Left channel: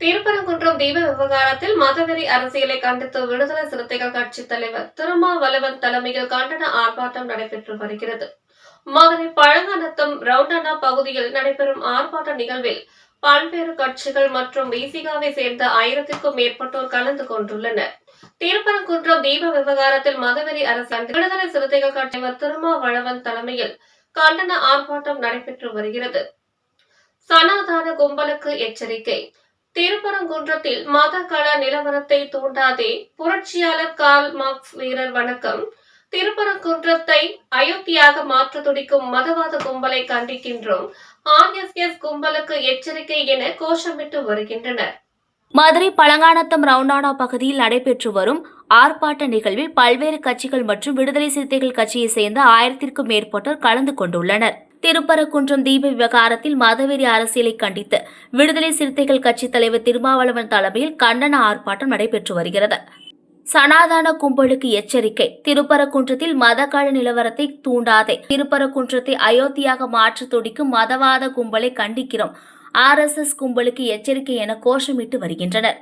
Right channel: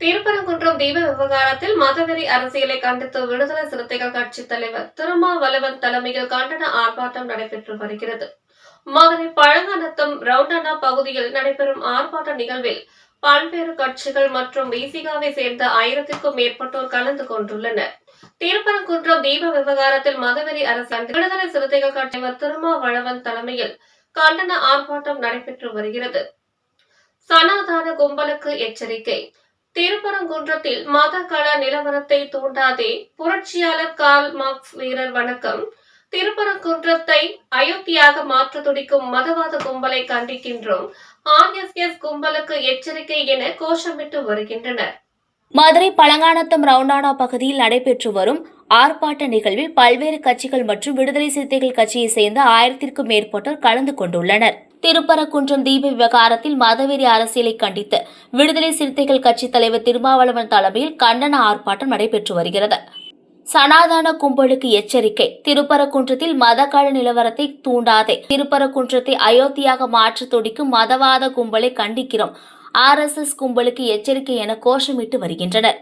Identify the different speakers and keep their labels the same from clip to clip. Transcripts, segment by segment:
Speaker 1: திருப்பரங்குன்றம் தீப விவகாரத்தில் மதவெறி அரசியலை கண்டித்து விடுதலை சிறுத்தைகள் கட்சி தலைவர் திருமாவளவன் தலைமையில் கண்டன ஆர்ப்பாட்டம் நடைபெற்று வருகிறது. மதுரை பழங்கநத்தம் ரவுண்டனா பகுதியில் நடைபெறும் ஆர்ப்பாட்ட நிகழ்வில் பல்வேறு கட்சிகள் மற்றும் விசிகாவை சேர்ந்த ஆயிரத்திற்கும் மேற்பட்டோர் கலந்து கொண்டுள்ளனர். திருப்பரங்குன்றம் தீப விவகாரத்தில் மதவெறி அரசு விடுதலை சிறுத்தைகள் கட்சி திருமாவளவன் தலைமையில் கண்டன ஆர்ப்பாட்டம் நடைபெற்று வருகிறது. சனாதன கும்பலுக்கு எச்சரிக்கை. திருப்பரங்குன்றத்தில் மத கள நிலவரத்தை தூண்டாதே புரட்சியாளர் கால் மார்க்ஸ் வீரர் வணக்கம். திருப்பரங்குன்றத்தை அயோத்தியாக மாற்ற துடிக்கும் மதவாத கும்பலை கண்டிக்கின்றோம். ஆர்எஸ்எஸ் கும்பலுக்கு எச்சரிக்கை என கோஷமிட்டு வருகின்றனர்.
Speaker 2: மதுரை பழங்கானத்தம் ரவுண்டானா பகுதியில் நடைபெற்று வரும் ஆர்ப்பாட்ட நிகழ்வில் பல்வேறு கட்சிகள் மற்றும் விடுதலை சிறுத்தைகள் கட்சியை சேர்ந்த ஆயிரத்திற்கும் மேற்பட்டோர் கலந்து கொண்டுள்ளனர். திருப்பரங்குன்றம் தீப விவகாரத்தில் மதவெறி அரசியலை கண்டித்து விடுதலை சிறுத்தைகள் கட்சி தலைவர் திருமாவளவன் தலைமையில் கண்டன ஆர்ப்பாட்டம் நடைபெற்று வருகிறது. சனாதன கும்பலுக்கு எச்சரிக்கை. திருப்பரங்குன்றத்தில் மதக்கால நிலவரத்தை தூண்டாதே. திருப்பரங்குன்றத்தை அயோத்தியாக மாற்ற துடிக்கும் மதவாத கும்பலை கண்டிக்கிறோம். ஆர்எஸ்எஸ் கும்பலுக்கு எச்சரிக்கை என கோஷமிட்டு வருகின்றனர்.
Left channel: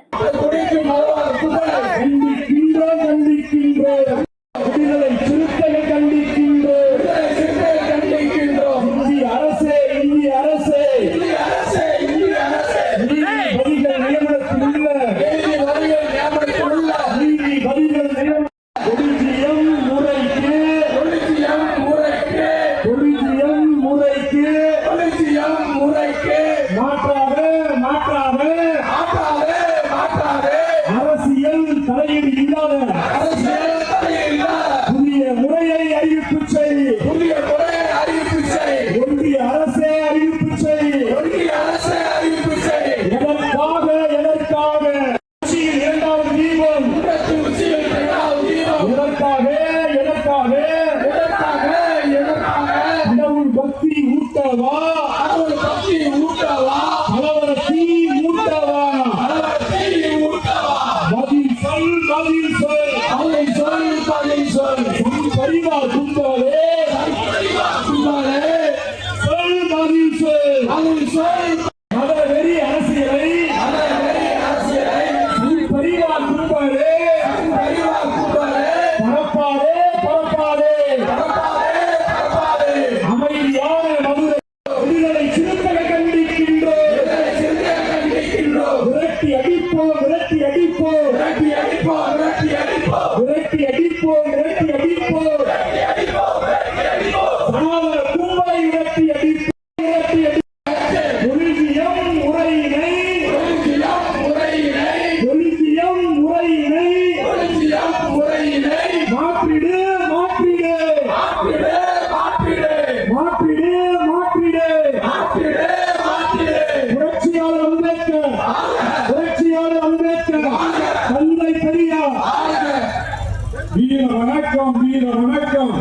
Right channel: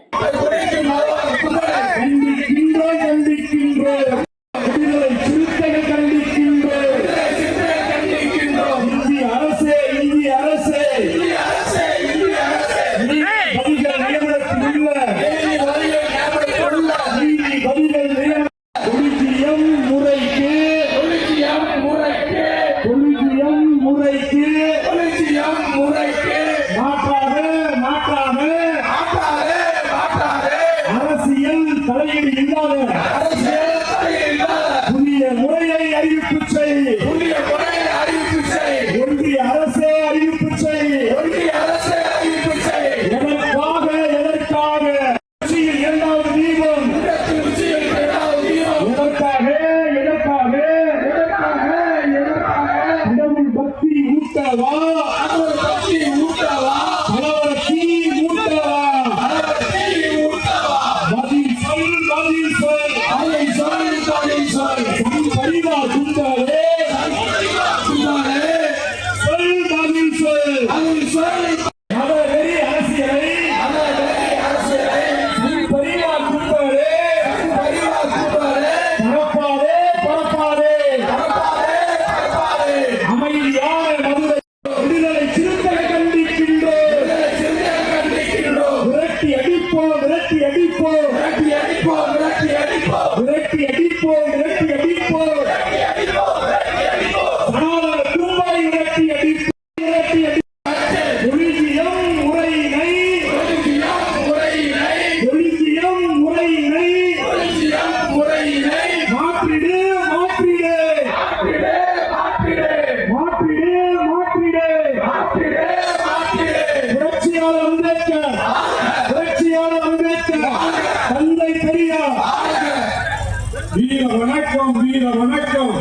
Speaker 3: வீர வணக்கம் வீர வணக்கம்.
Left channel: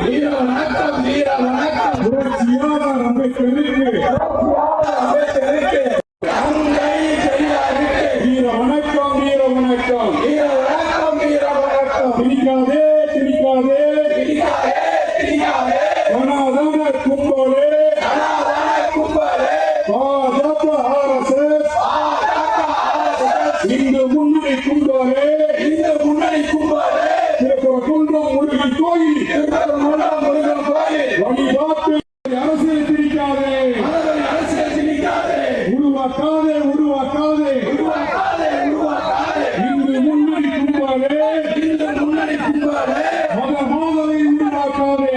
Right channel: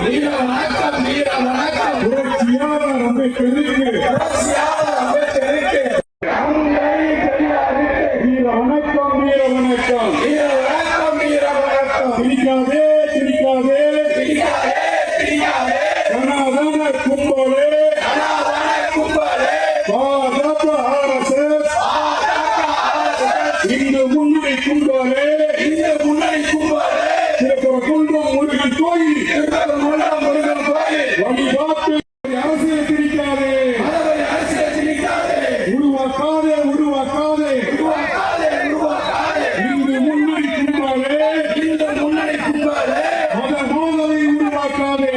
Speaker 3: புரட்சியாளர் அம்பேத்கருக்கு. வீர வணக்கம் வீர வணக்கம். பிடிக்காதே பிடிக்காதே சனாதன கும்பலே பாஜக ஆர்எஸ்எஸ். இந்து முன்னணி கும்பலே. திருப்பரங்குன்றம் உருவாக்காதே உருவாக்காதே. இந்து முன்னணி கும்பலே மத மோதலை உருவாக்காதே.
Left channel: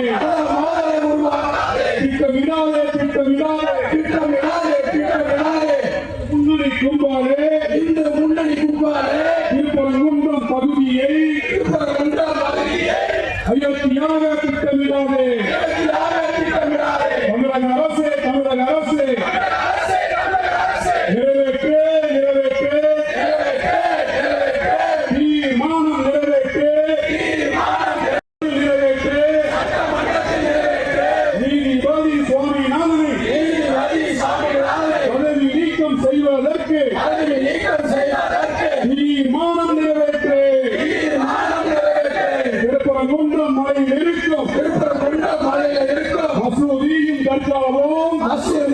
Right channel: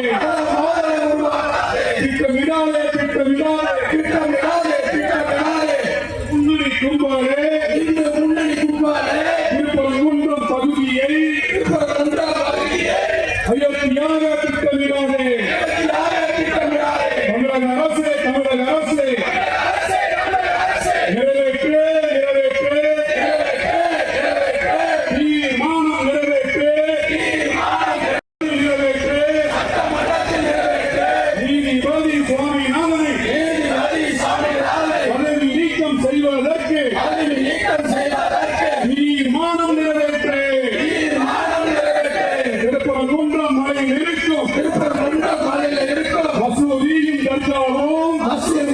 Speaker 2: 박수